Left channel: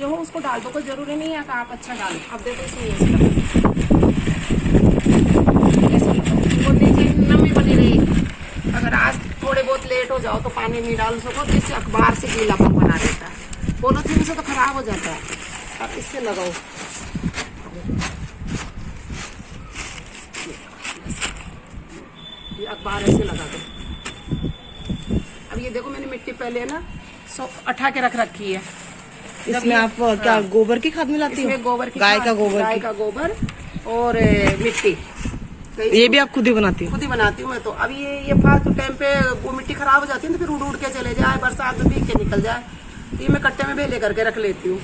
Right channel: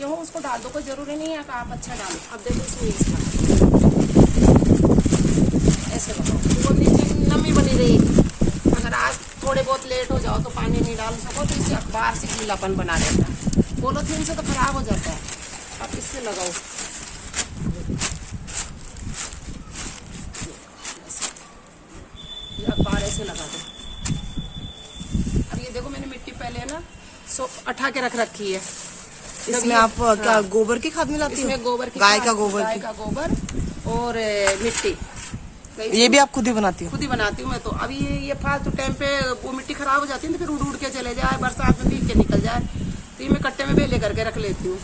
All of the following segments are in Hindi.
ये हो उसको डाल दो, कोई जरूरी नहीं है कि आप अच्छा डालो। अब देखो इसमें ऐसा लगाओ, वो नीचे नमी बनी रहेगी। अगर आज थोड़े बहुत लेट हो जाओ तो पानी नहीं डाल सको तो इससे अखबार से गीलापन बना देता है, पॉलीथीन से तो खराब हो जाता है। आप इससे लगाओ, ये अखबार ऐसे लगा दो। अब ये देखो मैंने मिट्टी पहले ना अठा के रख रखी है। इसमें आप क्या गोबर की खाद मिलाती हो? इसमें गोबर की गाय का गोबर, गाय का गोबर और मिट्टी। ये भी आप खुद ही बनाती हो? खुद ही बनाती हूँ मैं तो। अब ये फालतू टाइम पे वो मिट्टी खराब हो जाती है तो फिर उड़ के चले जाए, बरसात में भीग के निकल जाए, तो ये मैं कट्टे में भेले करके रख लेती हूँ।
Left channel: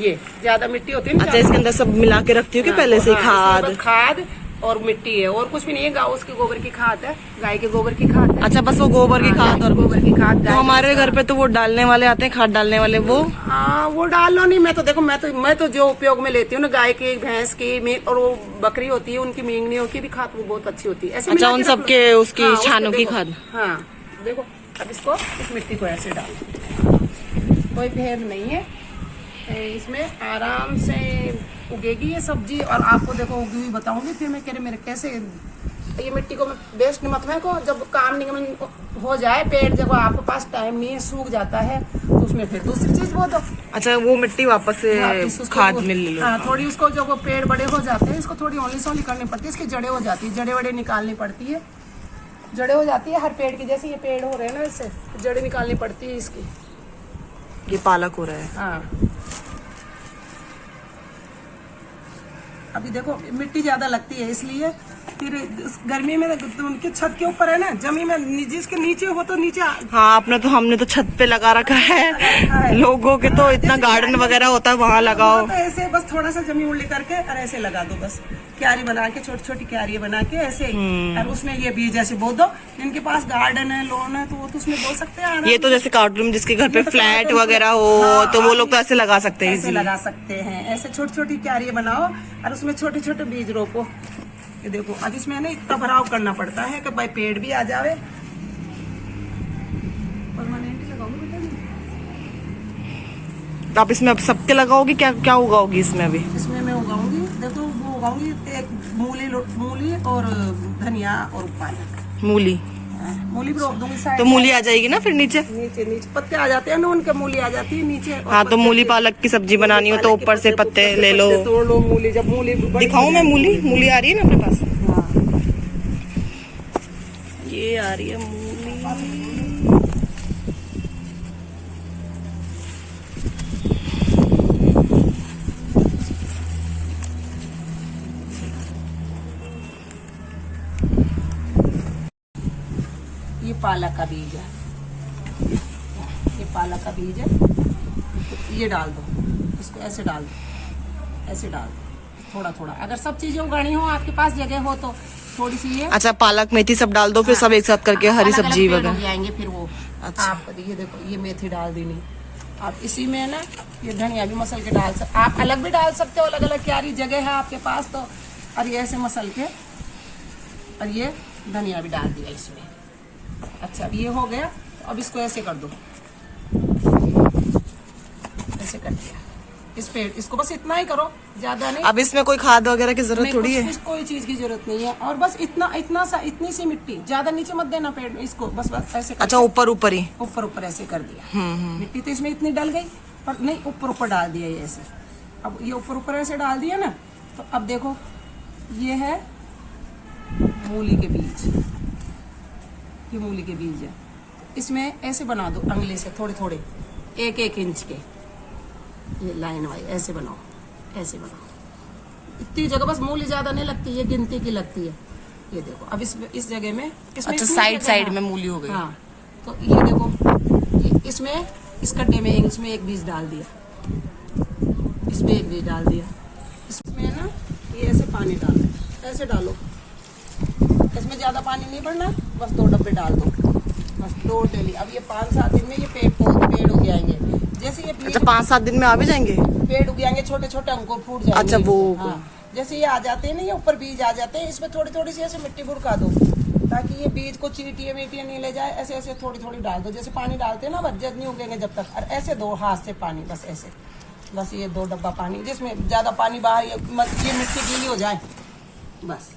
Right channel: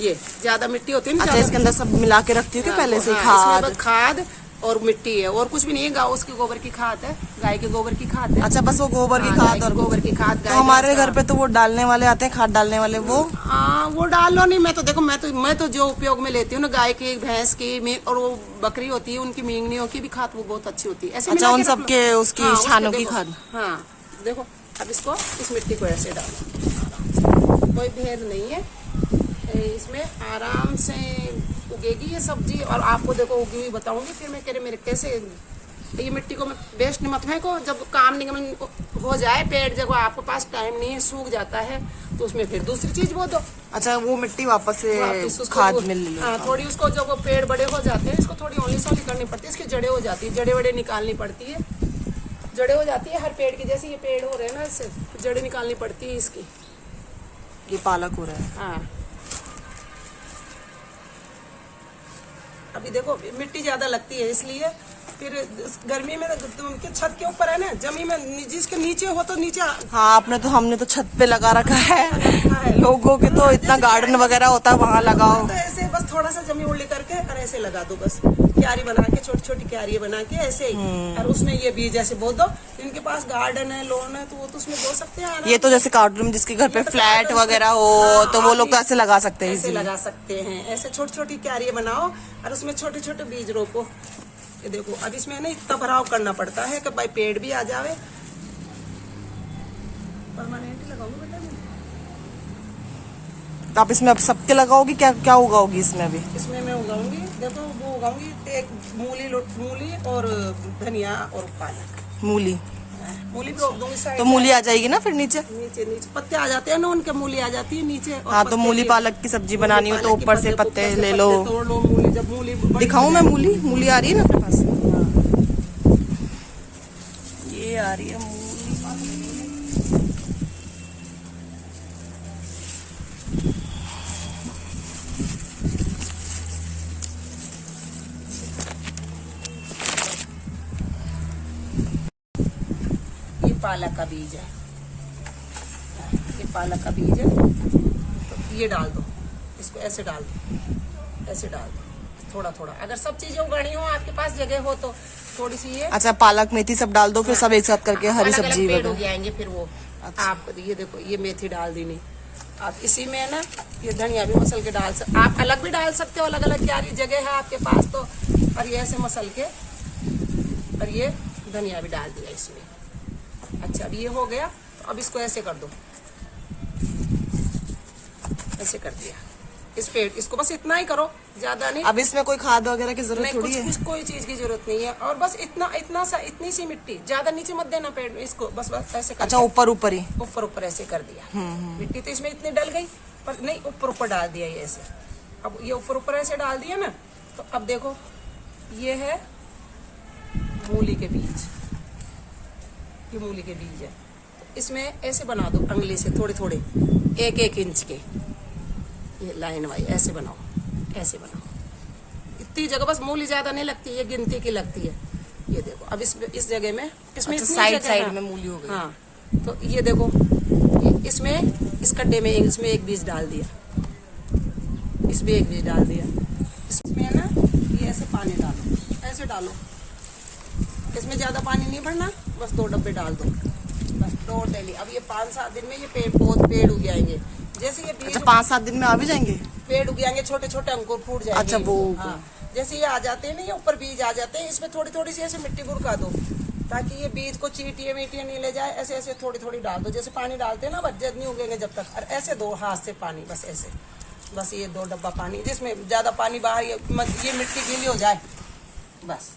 ये ज्यादा मिट्टी होती है ना। अच्छा, इसके अंदर सब मिला के रखती हूँ कि पहले से खाद और मिट्टी है और कुछ भी नहीं है। गाँव उसकी गोबर की खाद है, गाय के गोबर की खाद है। अच्छा, बस वो गोबर की खाद और गोबर की खाद। तो हमारे घर पे तो वो डालने वाले आते हैं, खाद डालने वाले, वो हाँ वो डाल लो नहीं। मैं तो देखो मैं तो जो उपयोग में लेती हूँ ना, गाय की, भैंस की और वो बकरी होती है उनकी मींगनियों की भी खाद वो बहुत अच्छी होती है। ऐसे अच्छा, उन सब के उसकी छानों की खाद। हाँ देखो, अब इसको इस मिट्टी को ऐसे डालो, कोई भेद नहीं है इसमें, आराम से उगेगी ये सब्जी। और आपको देखो उगी हुई बताऊंगी फिर मैं मेरे कैसे। ये मिट्टी को वेस्ट मत फेंको, जब काम निगम हो जाए पेड़, जब आपके पास टाइम नहीं सूख जाता है तो उसमें फिर दूसरी चीज बो दो। अच्छा, वो मिट्टी वापस से खाद मिल लो। हाँ, थोड़ी उसको जब वो पेड़ बड़े हो जाते हैं इसको थोड़ी ओली सोली करनी पड़ती है, इसकी जड़ें हो जाती है, जड़े वड़े निकालनी पड़ती है, जड़ें हो जाती है हर पेड़ की। जैसे ये पेड़ हो रहे हैं ना, इससे जड़ें निकालनी पड़ती है इसकी। ये पालक हो रहा है। हाँ, अभी देखो मिट्टी ज्यादा लगती है इसलिए फिर गर्मी में उनके छत के ऊपर है ना, जमीन में जिसके नीचे हो तो नीचे। हाँ, हमने तो छत पे लगा रखा है। लोगों के तो इतना गार्डन वगैरह होता है, वहाँ लगाओ। तो ऐसे बस थोड़ा सा जमीन उल्टी करके और ऐसे लगा दो, बस क्यारी बना के, छोटी छोटी क्यारी बना के ऐसे ही। और उसमें ये बीज ऐसे बो दो। जिनके पास गार्डन है, लॉन है, तो वो तो उसमें बो सकते हैं। ये तो जैसे कार्टून जिसके घर पे फ्लैट वगैरह हो तो वो लोग तो ऐसे लगा सकते हैं, ऐसे लगा सकते हैं। ऐसे छोटी छोटी क्यारी बनाओ और उसमें छोटे छोटे बीज रोपो। ये देखो, अब इसमें ना इतना भराव करना पड़ता है कि भाई पेड़ भी आ जावे। परमानेंट लगाऊंगी बेटा तो आप इसमें अब सबके लगाओगी? क्या क्या उगाओगी इसमें अभी? इसमें मैं उगाऊंगी, देखो वो उगाऊंगी एक मूली और धनिया और पालक। मूली भी रोक दूंगी साइड। तो मूली आ जाएगी ना फिर नीचे पत्ते आ जाते हैं ना उनके, मूली आ जाती है नीचे। हाँ, तो मूली पालक की सब्जी बनानी हो तो ऊपर से पत्ते ले लो। तोड़ लो मूली, जब मूली दिखाऊं मैं? मूली आ रही है ना अपने पास? ये आ रही है मूली। पालक का बीज है, ये पालक का बीज है। तो ये डाल दो, इसको ऐसे डाल दो, ऐसे डाल दो थोड़ा थोड़ा। अगर सब चीजें उगानी हो, आपके पास जगह हो तो थोड़ी सी ये। अच्छा, पालक मेथी सब डाल दो फिर सब एक साथ करके हरी सब्जी वगैरह आएंगे फिर वो। अच्छा, आप ये देखो, ये मेथी डाल दी नहीं, आप इसी में ना ये धनिया भी मसल के डाल सकते, आप अलग भी डाल सकते हो, अलग अलग क्यारी जगह है आपके पास तो। और ये ऐसे मसल के और ये धनिया भी डाल दिया इसमें। अच्छा, अब ये हो गया, तो अब इसको ऐसे कर दो, ऐसे कर दिया इस पेड़। इसको बस इतना ही करो, ज्यादा नहीं। अब इसमें कोई खाद वगैरह की जरूरत थोड़ी है? कोई चीज की जरूरत नहीं है। और बस इतना सा, इतनी सी मिट्टी, ज्यादा नीचे मत देना पेड़ में इसको, बस ऐसे। अच्छा, ऊपर ही ऊपर ऐसे कर दिया। मिट्टी तो इसमें इतनी डल गई, पर नहीं ऊपर डाल दिया ये ऐसे। अब ये ऊपर ऐसे डाल दिया ना, तो अब देखो ये है मूली के बीज, ये मूली के बीज है। इसमें ऐसे बना दो अंगली से थोड़े थोड़े, 1-1 इंच के, ये लाइन वाइज ऐसे बनाओ, ऐसे बनाओ। इतनी जगह, बस मूली ज्यादा नहीं लगती, ये गिनती की लगती है। ये देखो, अब इस जगह में इसमें अच्छा, साइड में मूली हो गई। हाँ, तो ये देखो, इसमें इस कट्टे में इसमें एक बीज डाल दिया, इसमें एक बीज डाल दिया। इसमें ना ये ऐसे पानी डालो, ऐसे डालो। इसमें ज्यादा पानी नहीं भरना, बस 2 डब्बे डाल दो, बस 2 डेली। अब ये 5-7 दिन में ये पेड़ उग जाएंगे। जैसे ये अच्छा, 5-7 दिन में आ भी जाएंगे पेड़ उग जाएंगे, छोटे छोटे अंकुर फूट जाएंगे। अच्छा, वो हाँ, जैसे ये आ जाते हैं ना, ये ऊपर बीज आ जाते हैं, इसमें थोड़ी थोड़ी सी ऐसे मिट्टी गुड़का दो, ताकि ये बीज को चीटिए मीटिए नहीं ले जाए। ऐसे ऐसे थोड़ी थोड़ी डाल दो, जैसे पानी डालते हैं ना, बस नहीं उगेंगे जब तक। और ऐसे 2 हाथ से पानी, बस ऐसे बस ये 2 डब्बा पानी, जिसमें ज्यादा पानी बाहर ये मिट्टी गीली हो जाए बस।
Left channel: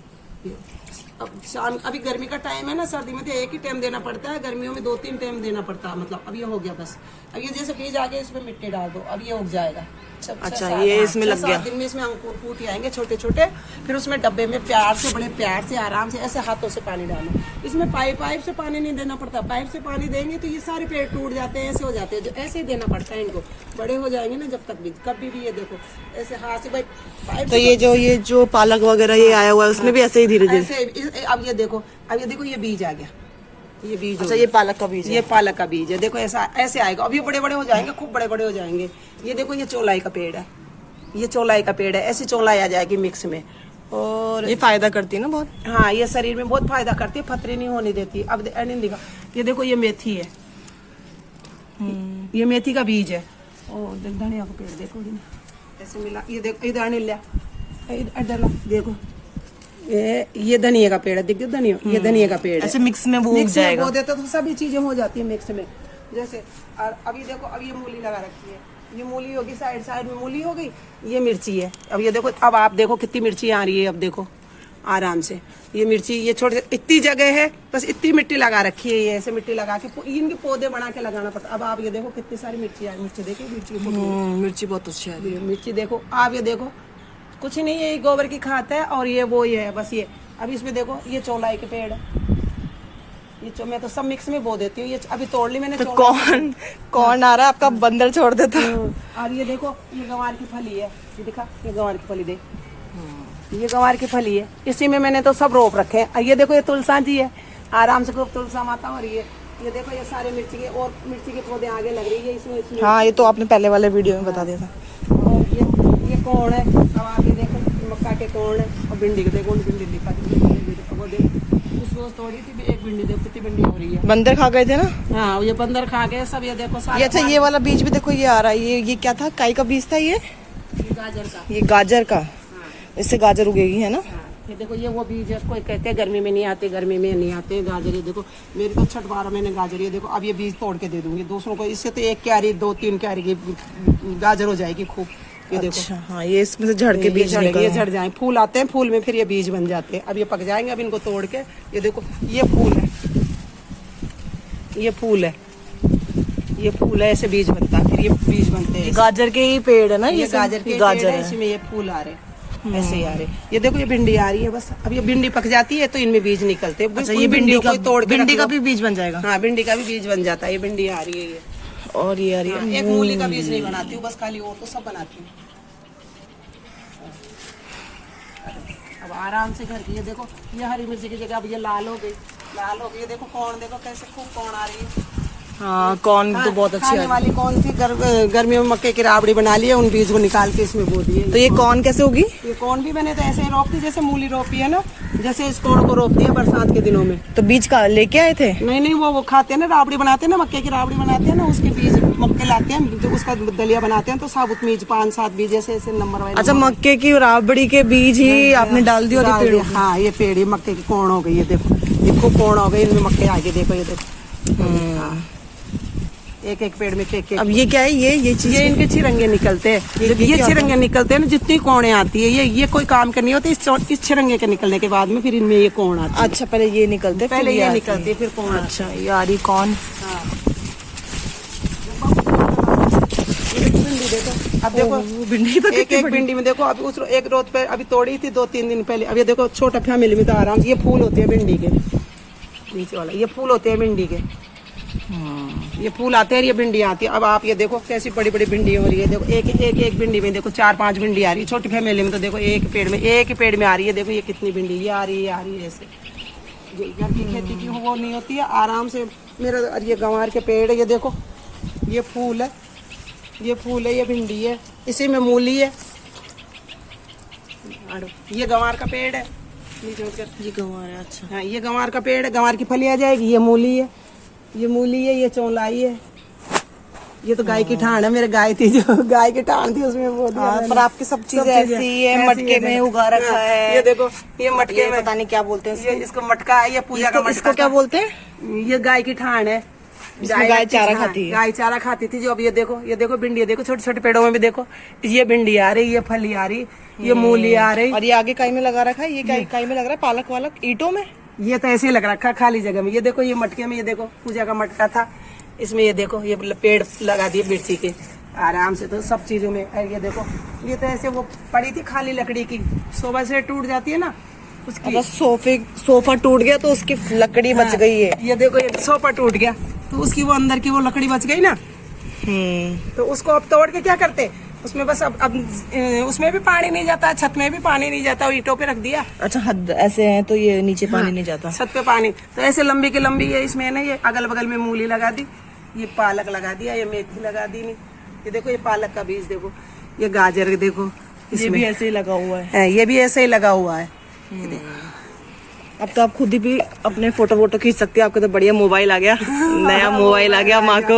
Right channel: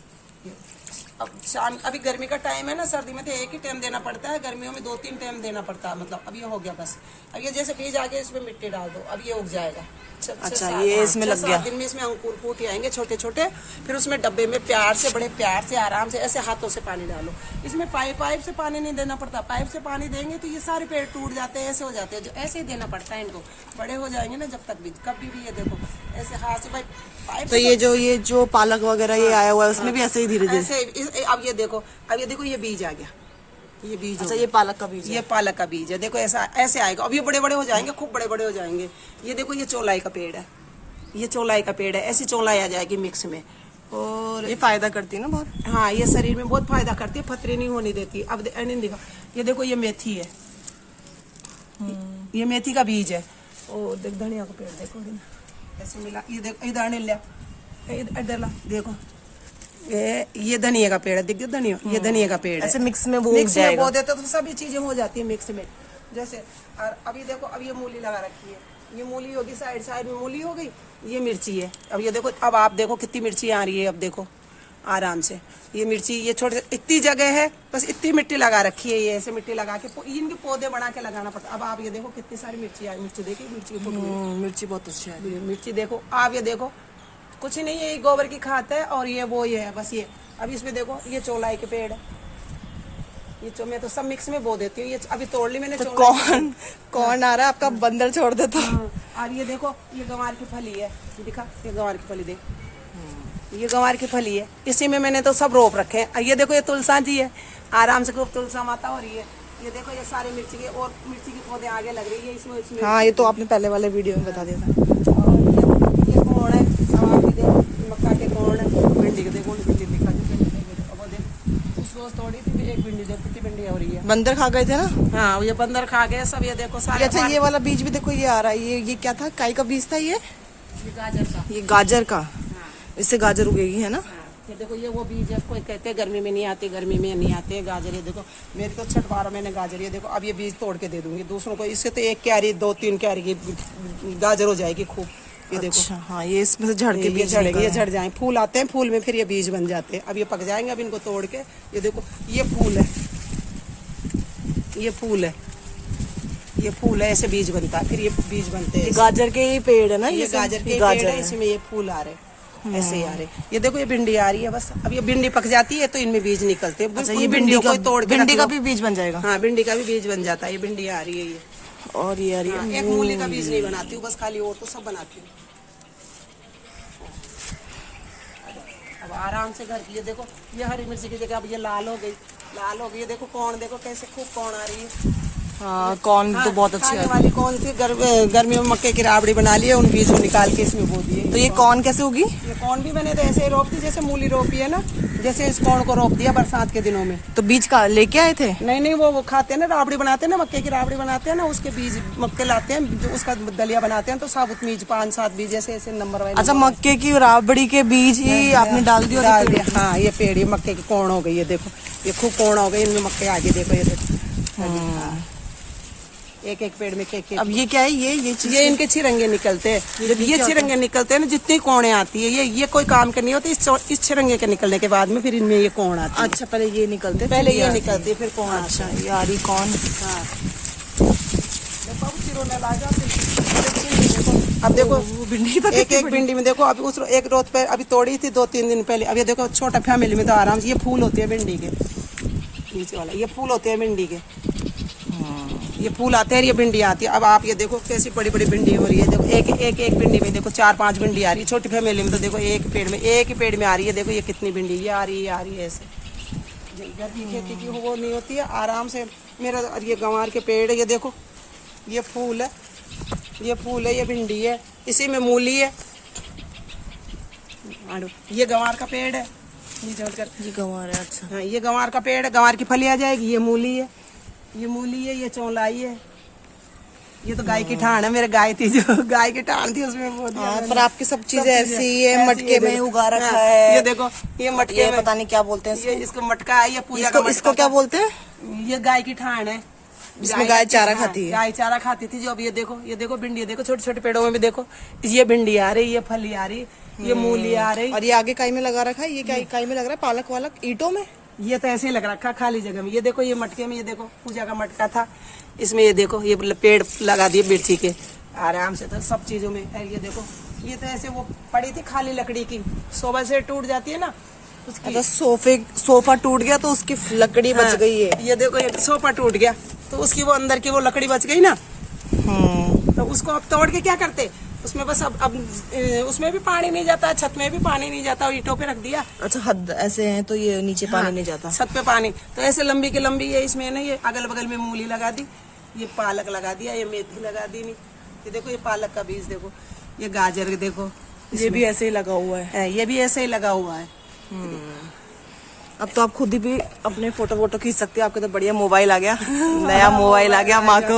अब शाम, अभी गर्मी का टाइम है ना, सर्दी में तो एक ही टाइम देना पड़ता है, गर्मियों में 2-3 टाइम देना पड़ता है। मतलब अब ये हो गया बस। अब ये जैसे बीज आगे इसमें मिट्टी डाल दो, अब ये उग जाएगा। अच्छा, ये इसमें लग गया। 6-7 दिन में इसमें अंकुर फूट आएंगे छोटे छोटे। फिर उसमें डब्बे में प्यार से, बड़े प्यार से, आराम से ऐसे हाथों से पानी डालो। इसमें पाइप से पानी नहीं देना पड़ता। पाइप से पानी देंगे तो ये सारे पेड़ टूट जाते हैं, ऐसे हो जाते हैं। जो ऐसे ही देना पड़ता है इनको, बड़े हो जाएंगे ना जब तक बीज, कभी भी ये देखो ऐसे हाथ से भाई पाइप। तो ये जो पालक वगैरह ये आया हुआ है उसमें भी ऐसे ही धीरे धीरे। अब ये देखो ये बीज आ गया, ये बीज। अच्छा, ये पालक का बीज है। ये पालक का बीज है। देखो ऐसा ऐसे आएगा। अब ये बड़े बड़े हो जाएंगे, खूब बड़े बड़े हो जाएंगे। ये देखो ये चौलाई का पेड़ है, ये चौलाई का पेड़ है। ऐसी चौलाई आ जाएगी मिक्स में, और ये फायदा करती है ना बहुत। हाँ, ये शरीर में बहुत फायदा करती है, फतरी नहीं होने देती। अब देखो ये देखो ये मेथी है, ये मेथी का बीज है। और धनिया का पेड़ देखो ऐसे मिला, ये देखो इधर देखो ये धनिया का पेड़ है, देखिए धनिया, ये धनिया का पेड़ है। ऐसे मिक्स में वो उग जाएगा। वो देते तो सभी चीजें हो जाती है मिक्स में। जैसे और अभी देखो, अब ये मूली लगा रखी है, ये मूली होगी, साइड में मूली हो गई। ये मिर्ची है। अब ये देखो, अब आप देखो कितनी मिर्ची आ रही है। अब देखो आराम से ये मिर्ची, ये छोटे इतनी जगह है, बस इतनी मिट्टी लगा रखी है। ये ऐसे मिट्टी लगा के इनके पौधे बना के लगाना पड़ता। अब आप ये देखो कितनी सारी मिर्ची आ, मिर्ची देखिए, मिर्ची बहुत अच्छी आ रही है। मिर्ची देखो आप, ये देखो कुछ नहीं है, ये गोबर की खाद है। और ये वो ये है बस ये। अब इसमें देखो ये चौलाई के पेड़ है, ये मैं तो सब मिक्स में बो देती हूँ। ये अभी तोड़ ली मैंने। तो कौन आ रहा है आपका? बंदर छोड़ देता। और ये देखो ये गंवार की फली है, ये दिखा, ये गंवार की फली देख, ये गंवार की फली है। इसी में मैंने तो सब रोप रखे हैं। ये देखो ये तुलसा जी है, आराम से खूब तुलसा माता हो रही है। ये देखो ये सारे मिर्ची के, और मिर्ची के पौधे आगे लग रही है इसमें। हाँ, ये तो आपने पहले वाले वीडियो में बता दिया था। और ये कौन है, मक्का के कौन है, भिंडी के देखो, भिंडी दिखा वो देख, उस रोज तोड़ी थी एक भिंडी, देखो कितनी भिंडी हो रही है। बंदर खा गए थे ना? हाँ, ये बंदर खा गए सब। ये देखो ये अच्छा, ये वाला बीज भी देखो, ये आ रहा है। ये क्या था? काई का बीज था ये गाजर का। ये गाजर का। हाँ। इससे गाजर उगेगी, है ना? हाँ, ये देखो ये वो बीज है। कोई कहते हैं गर्मी में नहीं आते, गर्मी में नहीं आते गाजर। ये देखो मेरी तो 6-12 महीने गाजर। ये देखो अब ये बीज तोड़ के दे दूंगी दूसरों को। इससे तो 1 क्यारी 2-3 क्यारी की गाजर हो जाएगी खूब। ये देखो। अच्छा, हाँ, ये इसमें से झड़ के बीज ये झड़ जाए, फूल आते हैं, फूल में फिर ये बीज बन जाते हैं। अब ये पक जाएंगे, अब इनको तोड़ के, ये देखो ये फूल है, ये फूल है, ये फूल है, ऐसे बीज बनता है, फिर ये बीज बनते हैं। गाजर के ही पेड़ है ना? ये गाजर के पेड़ है, इसमें ये फूल आ रहे, ऐसे ही आ रहे। ये देखो ये भिंडी आ रही है बस। अब ये भिंडी पक जाती है तो इनमें बीज निकलते हैं। अच्छा, ये भिंडी का तोड़ भिंडी का भी बीज बन जाएगा? हाँ, भिंडी का भी बीज बन जाता है। ये भिंडी आ रही है ये। और ये आ रही है। एक मूली का बीज नहीं बनाती हूँ बस, खाली और तो सब बनाती हूँ। अब आराम से घर की, ये देखो ये हरी मिर्ची की जगह अब ये लाल हो गई, लाल हो गई। ये देखो कौन, देखो कैसे खूब कौन आ रही है। हाँ, कौन तो बहुत अच्छी है। वाली कौन थी, गर्मियों में मक्के की राबड़ी बना ली है, उन बीज को निकाल के इसमें बो दिए। तो ये कौन कैसे होगी? ये कौन भी मैंने तो ऐसे रोप दी, जैसे मूली रोपी है ना, जैसे इस कौन को रोप दिया बरसात के दिनों में। तो बीज का लेके आए थे? नहीं, वो खाते हैं ना, राबड़ी बनाते हैं ना, मक्के की राबड़ी बनाते हैं ना, उसके बीज मक्के लाते हैं, जो उसका दलिया बनाते हैं। तो साबुत बीज 5-7 बीज ऐसे नंबर वाइज। अच्छा, मक्के की राबड़ी के बीज ही आपने डाल दिया? हाँ, ये पेड़, ये मक्के की कौन हो गई, ये देखो कौन हो गई, इनमें मक्के आगे देखो, ये देखो एक पेड़ में एक। अब ये क्या है? ये चीज, ये इनके चिरंगे निकलते हैं। जब ये चिरंगे निकलते हैं ना, जितनी कोणे आती है, ये कोई काम करनी होती है। इस चिरंगे के निकलने के बाद में फिर इनमें ये कोण आती है। अच्छा, पहले ये निकलते, पहले ये निकलती है, फिर कोण। अच्छा, ये आ रही कौन? अब देखो भिंडी तो एक भिंडी में देखो, अभी उस एक रोज पे अभी तोड़ी थी 2-3 दिन पहले। अब ये देखो छोटा फैमिली में तो आराम से ये फूल होते हैं भिंडी के, नीचे वाला ये फूल होते हैं भिंडी के। ये फूल आते हैं, ये भिंडी आती है। अब आप ये देखो कैसी बड़ी बड़ी भिंडी हो रही है। देखो एक भिंडी में देखो 4-5 भिंडी आ रही है। छोटी फैमिली में तो देखो एक ही पेड़ में आ रही है। देखो ये कितनी भिंडी ये आ रही है ऐसे। घर की खेती की वो नहीं होती है, आराम से। मेरा ये गंवार के पेड़ है, ये देखो ये फूल है, ये भिंडी है, इसी में मूली है। ये गंवार का पेड़ है, ये गंवार है। अच्छा, हाँ, ये गंवार का पेड़ है, गंवार की फली आ जाएगी। ये मूली है, ये चौलाई है। ये तो गाय की ठाण है, मेरे गाय थी, जो गाय की ठाण थी उसमें वो दिया। पर आपकी सब चीजें ऐसी है, मटके में उगा रखा है। ये देखो ये मटके में, पता नहीं क्या बोलते हैं ये इसको मटका है, ये पूजा का मटका। इसको क्या बोलते हैं? ये गाय की ठाण है, इसमें गाय चारा खाती है। गाय चारा खाती थी। जो अब ये देखो भिंडी, देखो छोटे छोटे पेड़ों में भी देखो, ये भिंडी आ रही, ये फली आ रही, ये मूली आ रही। और ये आगे काई में लगा रखा है, ये काई में लग रहा है, पालक वालक ईंटों में। ये तो ऐसे ही लग रखा खाली जगह में। ये देखो ये मटके में, ये देखो पूजा का मटका था इसमें, ये देखो ये पेड़ लगा दिए मिर्ची के आराम से। तो सब चीजों में ये देखो, ये तो ऐसे वो पड़ी थी खाली लकड़ी की, सोफा से टूट जाती है ना उसकी। सोफा टूट गया तो उसकी लकड़ी बच गई है। ये देखो ये सोफा टूट गया तो उसकी वो अंदर की वो लकड़ी बच गई ना। तो उसको अब तोड़ के क्या करते, उसमें बस अब उसमें भी पानी नहीं जाता, छत में भी पानी नहीं जाता, और ईंटों पे रख दिया। अच्छा हद ऐसे है तो ये नीचे पानी नहीं जाता, छत पे पानी। तो ऐसे लंबी की लंबी है इसमें ना, ये अगल बगल में मूली लगा दी, ये पालक लगा दिया, ये मेथी लगा दी। ये देखो ये पालक का बीज देखो, ये गाजर देखो, ये भी ऐसे ही लगा हुआ है। ये भी ऐसे ही लगा हुआ है। अब तो आप खुद ही भी अपने फोटो खींच सकते हो, आपका तो बढ़िया मोबाइल आ गया, नया मोबाइल आ गया माँ को।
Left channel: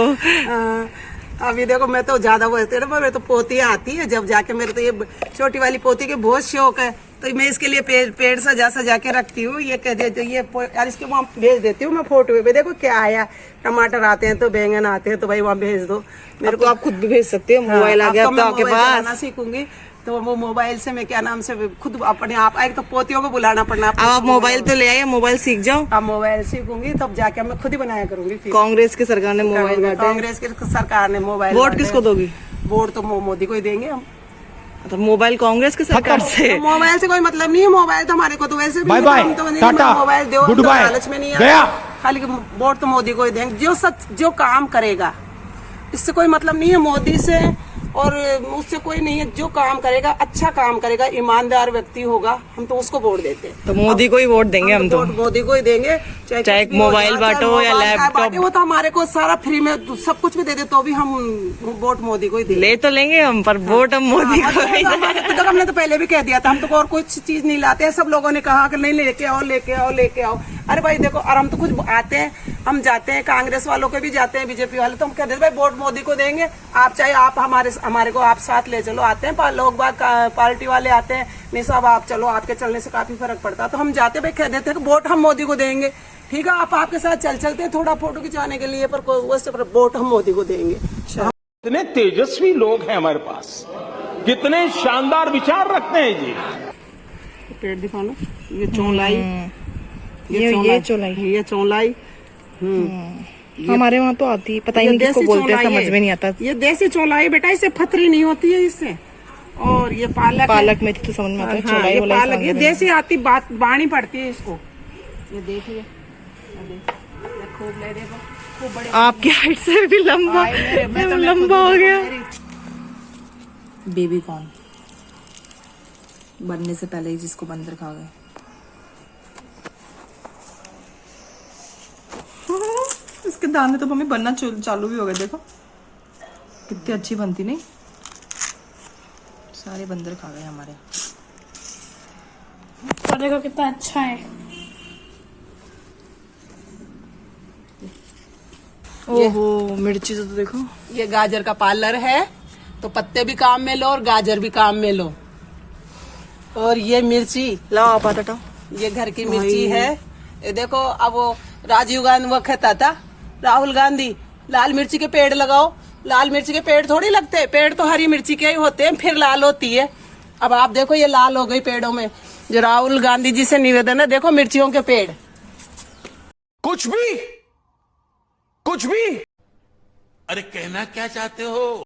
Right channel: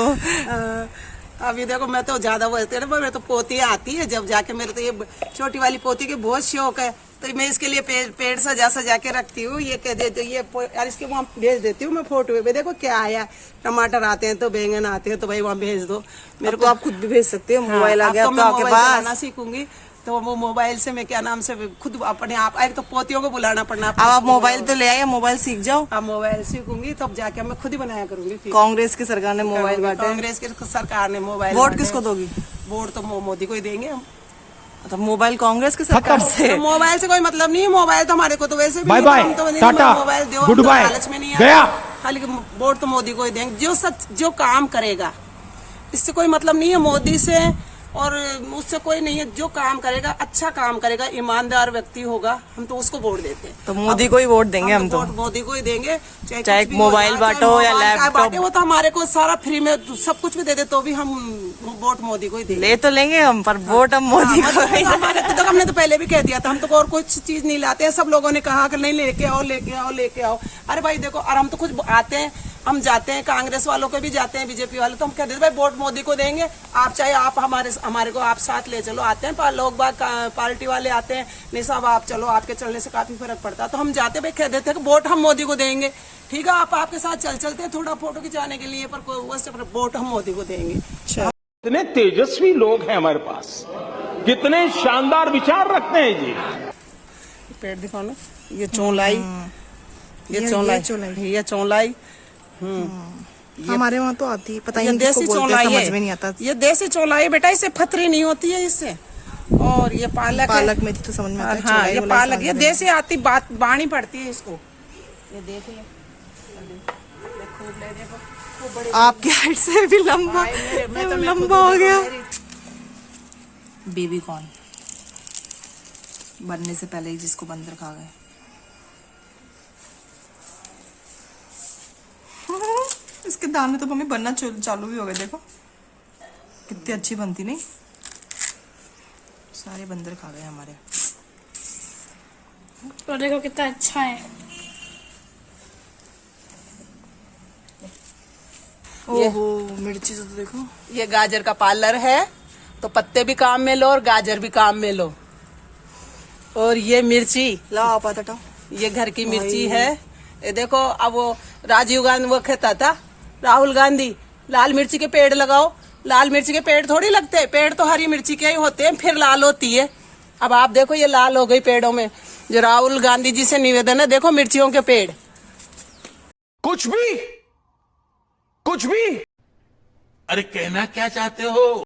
अभी देखो मैं तो ज्यादा वो ना, मेरे तो पोतियाँ आती है जब जाके, मेरे तो ये छोटी वाली पोती के बहुत शौक है, तो मैं इसके लिए पेड़ सजा के रखती हूँ। ये कह देती हूँ, ये यार इसके वहाँ भेज देती हूँ मैं फोटो पे, देखो क्या आया, टमाटर आते हैं तो बैंगन आते हैं तो भाई वहाँ भेज दो मेरे को। आप खुद भी भेज सकते हो, मोबाइल आ गया अब तो आपके पास। सीखूंगी तो वो मोबाइल से मैं क्या नाम से खुद अपने आप, एक तो पोतियों को बुलाना पड़ना। अब आप मोबाइल तो ले आइए, मोबाइल सीख जाओ। अब मोबाइल सीखूंगी तब जाके मैं खुद ही बनाया करूंगी। कांग्रेस की सरकार ने मोबाइल बांटे, कांग्रेस की सरकार ने मोबाइल। वोट किसको दोगी? वोट तो मोदी को ही देंगे हम। तो मोबाइल कांग्रेस की सरकार से, मोबाइल से कोई मतलब नहीं है, मोबाइल तो हमारे को तो वैसे भी बाय बाय, टाटा, मोबाइल दो, गुड बाय, लालच में नहीं गया। खाली वोट तो मोदी को ही देंगे, जो सच जो काम करेगा। इससे कोई मतलब नहीं है मोदी से और उससे कोई नहीं है, जो काम करेगा अच्छा काम करेगा, ईमानदार व्यक्ति होगा, हम तो उसको वोट देते हैं। तो मोदी को ही वोट देंगे हम तो। मोदी को ही देंगे, चाहे मोबाइल बांटो या लैपटॉप, वो तो हमारे को सारा फ्री में सब कुछ भी दे दे तो भी हम वोट मोदी को ही देंगे। ले तो लेंगे हम, पर वोट हम मोदी को ही तो हमने तो पहले भी कह दिया था, हम तो और कुछ चीज नहीं लाते हैं। सब लोगों ने कहा कि नहीं लेके आओ लेके आओ लेके आओ। अरे भाई देखो, और हम तो कुछ आते हैं, हम जाते हैं, कांग्रेस वालों को भी जाते हैं, बीजेपी वाले, तो हम कहते हैं भाई वोट मोदी को देंगे। आप चाहे आप हमारे को आप साथ ले चलो, आते हैं लोग बाग पार्टी वाले आते हैं, नहीं साहब आप चलो, आपके चलने से काफी फर्क पड़ता है, तो हम जाते भाई कह देते हैं कि वोट हम मोदी को देंगे। ठीक है, आप आपके साथ चलते हैं थोड़ा फोटो खिंचाने के लिए, पर वोट हम मोदी को देंगे। कितने तेजस्वी लोग हैं हमारे पास, कितने शानदार विचार रखते हैं जी। पेड़ दिखाओ ना, ये चौलाई, ये चौलाई हमारे वहाँ तो आती है, पता ही नहीं किसको बोलते हैं, समझ में नहीं आता। ये देसी चौलाई बेटा, इससे फतरी नहीं होती है इससे। और ये पालक मेथी तो समझ में आता है, हाँ, चौलाई ये पालक ये देसी आती, बाणी पड़ती है इसको। ये देख लो, खूब ले देखो, खूब बड़े। आपकी हाइट से भी लंबा लंबा हो गया। बेबी कॉर्न बनने से पहले ही जिसको बंदर खा गए। इसके दाने तो मम्मी बनना चालू भी हो गए, देखो कितनी अच्छी बनती, नहीं? सारे बंदर खा गए हमारे। तो देखो कितना अच्छा है। ओहो मिर्ची तो देखो। ये गाजर का पार्लर है, तो पत्ते भी काम में लो और गाजर भी काम में लो। और ये मिर्ची लाओ आप हटाओ, ये घर की मिर्ची है। ये देखो, अब वो राजीव गांधी वो कहता था, राहुल गांधी, लाल मिर्ची के पेड़ लगाओ। लाल मिर्ची के पेड़ थोड़ी लगते हैं, पेड़ तो हरी मिर्ची के ही होते हैं, फिर लाल होती है। अब आप देखो ये लाल हो गई पेड़ों में। जो राहुल गांधी जी से निवेदन है, देखो मिर्चियों के पेड़। कुछ भी, अरे कहना क्या चाहते हो?